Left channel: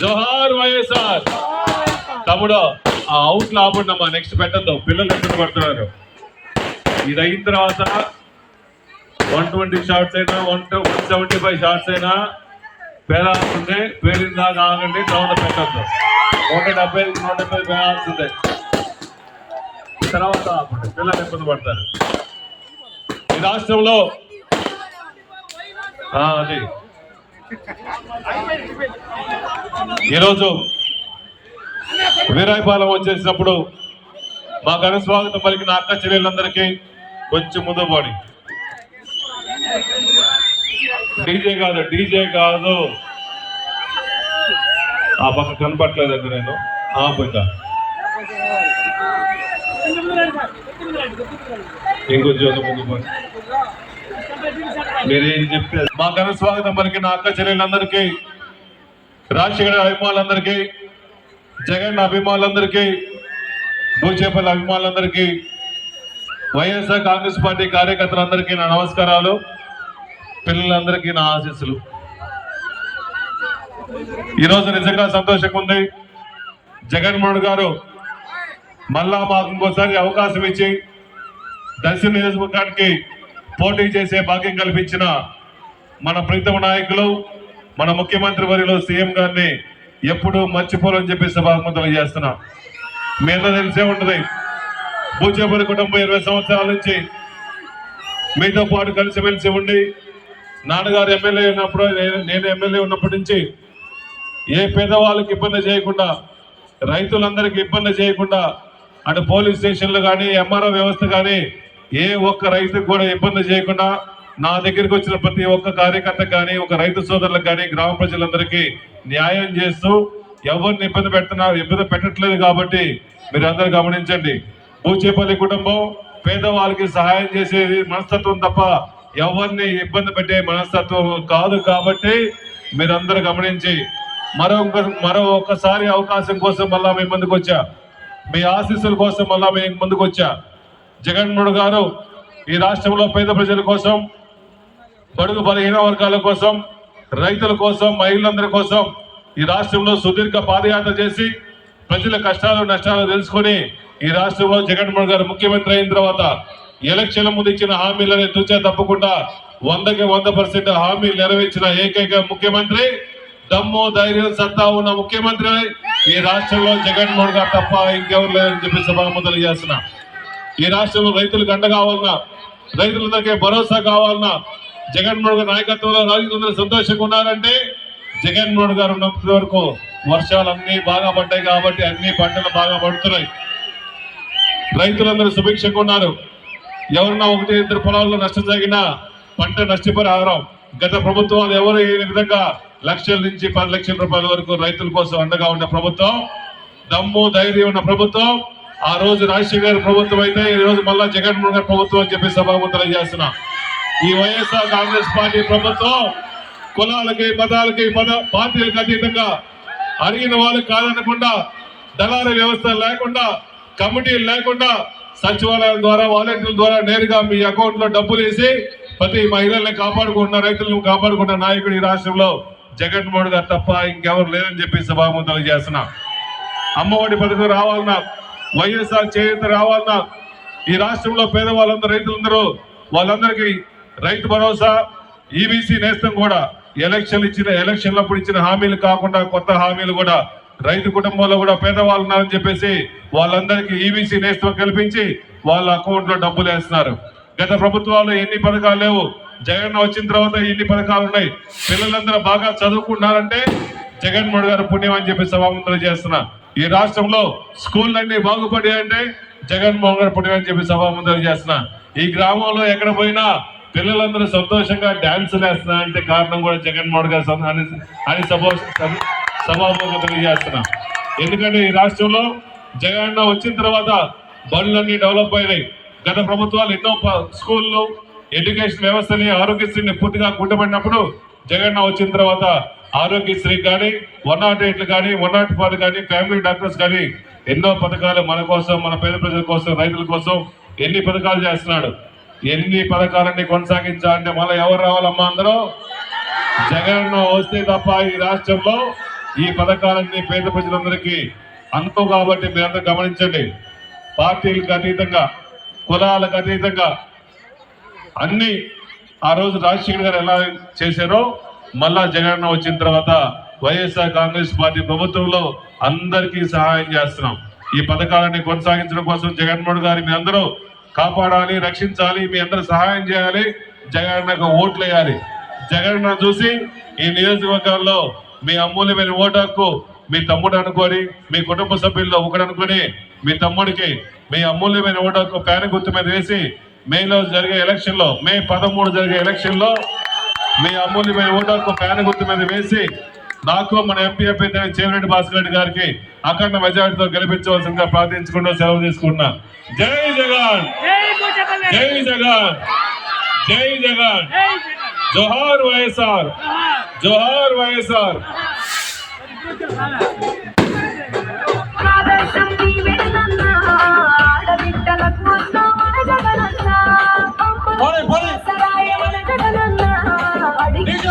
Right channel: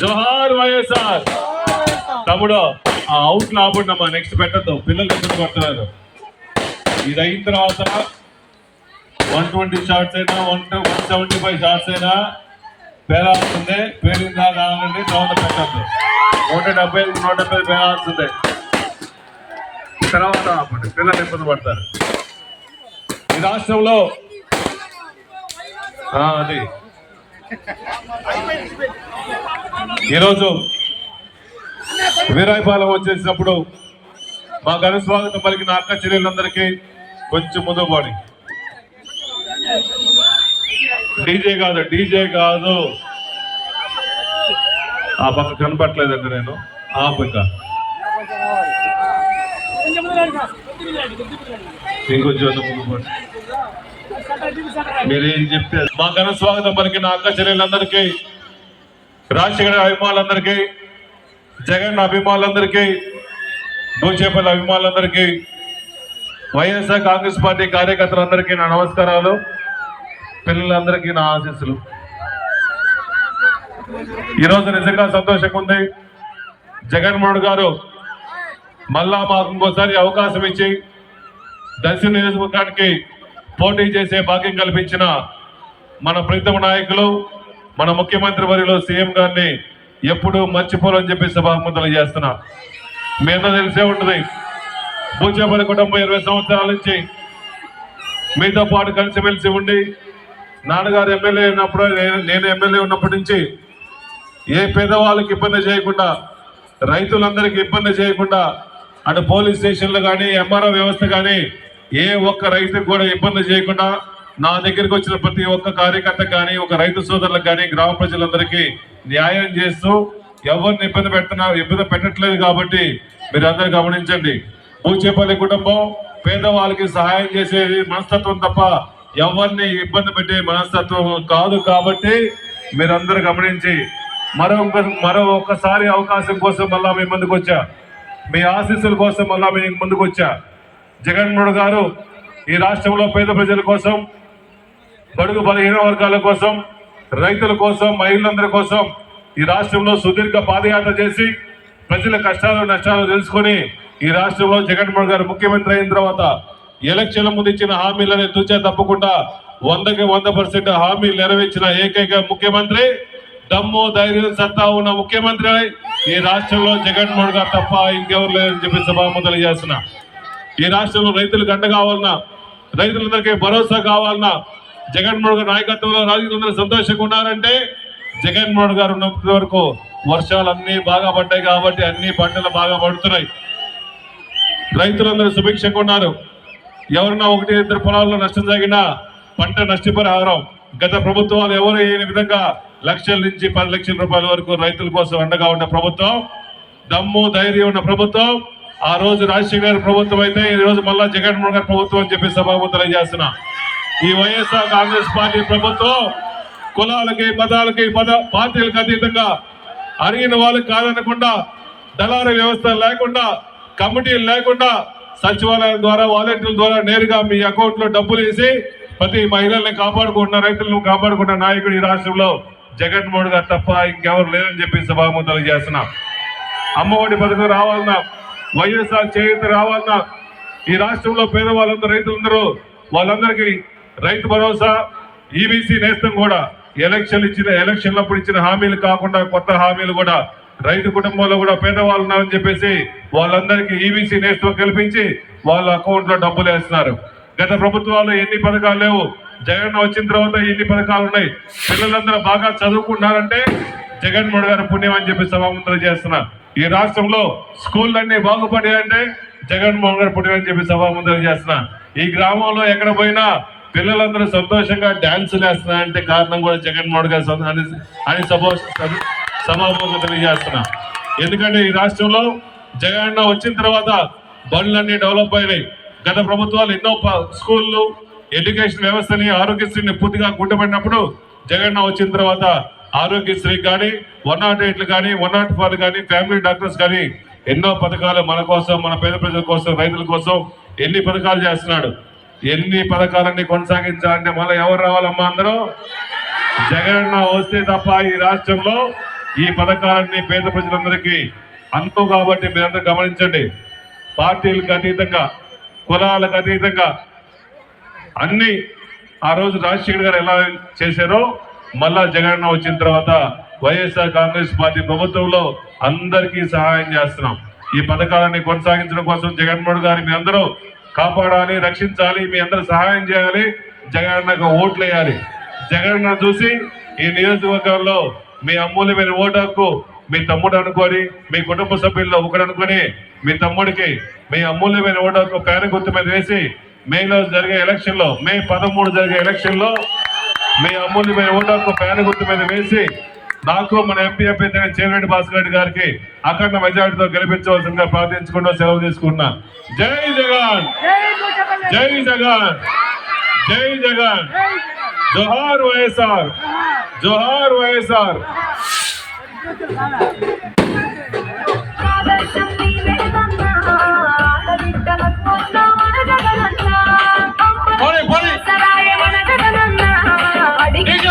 జోహార్ వైఎస్ఆర్. తమ్ముడు out లాభండమ్మా, next పెట్టద్దు, పిల్లలు ఇబ్బంది పడుతున్నారు. ఇది అయిన తర్వాత 120 షార్ట్స్ అయినా 175 షార్ట్స్ అయినా పేరాల్సిందే. పేరిందా కావాలండి, తర్వాత పెట్టద్దు. 170 పేరాల్సిందే. తర్వాత పిల్లలు ఇబ్బంది పడతారు. ఈ రాష్ట్రంలో అది ఈరోజు వీరాయపాలెం వచ్చేసినప్పుడు మా ఘన స్వాగతం పలికిన అక్క చెల్లెళ్ళందరికీ కొంచెం ముందు పాడి. డీజే కాదు ఆ పక్క కనపట్లేదండి, నేను ఇంకా ఇంకొంచెం ముందు పాడి. మీరేం చెప్తే మా ఘన స్వాగతం పలికిన అక్క చెల్లెళ్ళందరికీ, రాజశేఖర అభిమానులందరికీ, జగన్ అభిమానులందరికీ, భూచేపల్లి అభిమానులందరికీ, వైఎస్ఆర్ కాంగ్రెస్ పార్టీ కార్యకర్తలందరికీ నా నమస్కారాలు. పిల్లలందరికీ నా ఆశీస్సులు. ఈరోజు నిజంగా సంతోషంగా ఉంది. జగన్మోహన్ గారు మళ్ళా మాకు ఇంకోసారి అవకాశం ఇచ్చి దర్శన నియోజకవర్గానికి పోటీ చేసే భాగ్యం కల్పించిన మన ప్రీతమ నాయకులు, మన ముఖ్యమంత్రి వర్యులు సీఎం గారిని ఎప్పుడు మర్చిపోరని చెప్పి సభాముఖం తెలియజేస్తున్నా. మీద తెలిసే ఉంటుంది, భూచేపల్లి కుటుంబం 20 సంవత్సరాల నుంచి మీతో పాటు కలిసిమెలిసి ఉండి, నాన్నగారు ఎమ్మెల్యే ఉన్నప్పుడు, నేను ఎమ్మెల్యే ఉన్నప్పటి నుంచి ఏ పేదవాళ్ళకి ఇబ్బంది చేయకుండా, రైతులందరికీ ఇబ్బంది చేయకుండా, అటు పోలీస్ స్టేషన్లు కానీ ఎంఆర్ఓ వ్యవస్థ కానీ ఏ ఒక్క రైతుకు కూడా ఇబ్బంది చేయకుండా నా దగ్గరికి వచ్చిన ప్రతి ఒక్క కార్యకర్తకు కానీ, ఒక రైతు సోదరులకు కానీ, గ్రామ ప్రజలందరికీ న్యాయం చేస్తూ ఎవరిని ఇబ్బంది పెట్టట్లేదు. కాబట్టి మీరు అందరూ గమనించండి, భూచేపల్లి కుటుంబం పేదవాళ్ళకి సహాయం చేసేది మనస్తత్వం తప్ప ఎవరిని ఇబ్బంది పెట్టే మనస్తత్వం కాదు. కాబట్టి మీరందరూ గమనించి మరో ఒక్కసారి అవకాశం కోసం మళ్ళా మీ ముందుకు వచ్చా, మీ ఆశీస్సుల కోసం మళ్ళా మీ ముందుకు వచ్చా. జగన్మోహన్ గారు ఈ రాష్ట్రంలో పేద ప్రజల కోసం, బడుగు బలహీన వర్గాల కోసం, రైతుల కోసం, మహిళలందరి కోసం ఈ రాష్ట్రంలో సుదీర్ఘ పాదయాత్ర చేసి ప్రజల కష్టాలు నష్టాలు తెలుసుకుని ఈ రాష్ట్రంలో జగన్మోహన్ గారు ముఖ్యమంత్రి అయిన తర్వాత ఎలక్షన్ల ముందు ఇచ్చిన హామీలని తుచా తప్పకుండా 100కి 100% హామీలు నెరవేర్చిన ఏకైక ముఖ్యమంత్రి, దమ్ము ధైర్యం సత్తా ఉన్న ముఖ్యమంత్రి ఈ రాష్ట్రంలో జగన్మోహన్ గారు తప్ప ఇంకెవరు లేరని చెప్పి సభాముఖం తెలియజేస్తున్నా. ఈ రాష్ట్రంలో రైతులకు అండ కావాలన్నా, రైతులందరికీ భరోసా కావాలన్నా, జగన్మోహన్ గారి నాయకత్వంలో రాజకీయంలో సంతోషంగా ఉన్నారంటే జగన్మోహన్ గారు ఉన్నంత వరకు వర్షాలు అన్ని బాగా పడ్డాయి కాబట్టి అన్ని పంటలు బాగా పడుతున్నాయి. రైతులందరూ సుభిక్షంగా ఉన్నారు. ఎవరన్నా 1-2 పొలాల్లో నష్టం జరిగినా పంట నష్టపరిహారం గత ప్రభుత్వాలు ఎవరు ఈ విధంగా లక్షల నుంచి 10 లక్షల రూపాయల వరకు రైతుల కోసం అండగా ఉన్న ప్రభుత్వం, దమ్ము ధైర్యం ఉన్న ప్రభుత్వం ఆ రోజు రాజశేఖర గారి ప్రభుత్వం అయితే ఈ రోజు మళ్ళా జగన్మోహన్ గారి ప్రభుత్వం అని చెప్పి సభాముఖం తెలియజేస్తున్నా. ఈ వైఎస్ఆర్ కాంగ్రెస్ పార్టీ ప్రభుత్వం కులాలకి, మతాలకి, పార్టీలకు అతీతంగా అడిగిన వాళ్ళు కాదనకుండా, దళారీ వ్యవస్థ లేకుండా, కమిటీలు లేకుండా సచివాలయం ద్వారా, వాలంటీర్ల ద్వారా నేరుగా మీ అకౌంట్ లో డబ్బులు వేసి ప్రతి మహిళల్ని కాపాడుకుంటున్న, రైతులను కాపాడుకున్న నాయకుడు ఈ రాష్ట్రంలో జగన్మోహన్ గారు తప్ప ఇంకెవరు లేరని చెప్పి సభాముఖం తెలియజేస్తున్నా. అమ్మఒడి పథకం రావాలన్నా, వైఎస్ఆర్ చేయూత రావాలన్నా, ఈ రాష్ట్రంలో పేదవాళ్ళందరూ, రైతులందరూ వాళ్ళందరికీ రైతు భరోసా, ఈబీసీ నేస్తం కూడా ఎలక్షన్లప్పుడు ఇచ్చిన హామీలు కాకుండా కొత్త హామీలు కూడా రైతు కుటుంబంలో కూడా పేదవాళ్ళు ఉన్నారని చెప్పేసి వాళ్ళందరికీ ఈబీసీ నేస్తం కల్పించి వాళ్ళ అకౌంట్ లో డబ్బులు వేస్తున్నారు. గత ప్రభుత్వాలు ఎన్ని పథకాలు లేవు, జగన్ వచ్చిన తర్వాత ఎన్ని పథకాలు ఉన్నాయి. పిల్లలందరూ బాగా చదువుకుంటున్నారంటే జగన్మోహన్ గారు పుణ్యం అని చెప్పి సభాముఖం చేస్తున్నా. ఈ రాష్ట్రంలో స్కూళ్ళన్నీ బాగుపడాయంటే జగన్మోహన్ గారు పుణ్యం అని చెప్పి సభాముఖం చేస్తున్నా. ఈ గ్రామంలో ఎక్కడ పోయినా పిల్లలందరూ సంతోషంగా డాన్సులు వేస్తున్నారంటే కారణం కూడా జగన్మోహన్ గారు అని సభాముఖంగా తెలియజేస్తున్నా. ఎందుకంటే ఈ రాష్ట్రంలో జగన్ వచ్చిన తర్వాత బడులన్నీ డెవలప్ అయినాయి. గత ప్రభుత్వాలు ఎన్నో స్కూళ్ళు, ఎడ్యుకేషన్ వ్యవస్థని, ఆరోగ్యశ్రీని పూర్తిగా కుంటపడినప్పుడు జగన్ వచ్చిన తర్వాత ఆరోగ్యశ్రీ కానీ, 108 కానీ, 104 కానీ, ఫ్యామిలీ డాక్టర్స్ కానీ ఎన్నో పథకాలు మన కోసం, మన పేద ప్రజల కోసం, రైతుల కోసం ఎన్ని పథకాలు చేస్తున్నాడు. ఎన్ని పథకాలన్నీ కొనసాగించాలంటే మళ్ళీ ఎవరు రావాలమ్మా? అందరూ జగన్ వస్తే తప్ప ఈ రాష్ట్రంలో ఈ పథకాలన్నీ పేద ప్రజలందరికీ అంతు కాబట్టి మీరందరూ గమనించండి. పార్టీలకు అతీతంగా, కులాలకు అతీతంగా అన్ని ఆ రోజు రాజశేఖర్ గారు ఎలా చేశారో మళ్ళా జగన్ వచ్చిన తర్వాత వైఎస్ఆర్ కాంగ్రెస్ పార్టీ ప్రభుత్వంలో అందరికీ సహాయం చేస్తున్నాం. ఈ పథకాలని కొనసాగించడం కోసం జగన్మోహన్ గారి మీ అందరూ కాపాడాలి, రక్షించాలి, మీ అందరూ సహాయం చేయాలి, జగన్ ఓట్లు వేయాలి. జగన్ చూసి ఈ నియోజకవర్గాల్లో మీ అమూల్యమైన ఓటు హక్కు మీ తమ్ముడు అనుకోని, మీ కుటుంబ సభ్యుల్లో ఒకడు అనుకుని మీ తమ్ముడికి మీ అమూల్యమైన ఓటు హక్కు పేన గుర్తు మీద వేసి మేలో జరిగే ఎలక్షన్ లో, మే 13 జరిగే ఎలక్షన్ లో మీ అమూల్యమైన ఓటు హక్కు పేన గుర్తు మీద వేసి నాకు మన ఎంపీ అభ్యర్థి చేమిరెడ్డి భాస్కర్ రెడ్డి గారికి అఖండ మెజారిటీతో గెలిపించవలసిందిగా ప్రార్థించుకుంటూ సెలవు తీసుకున్నా. జై జగన్, జై జగన్, జై జగన్, జోహార్ వైఎస్ఆర్, జోహార్ వైఎస్ఆర్. DJ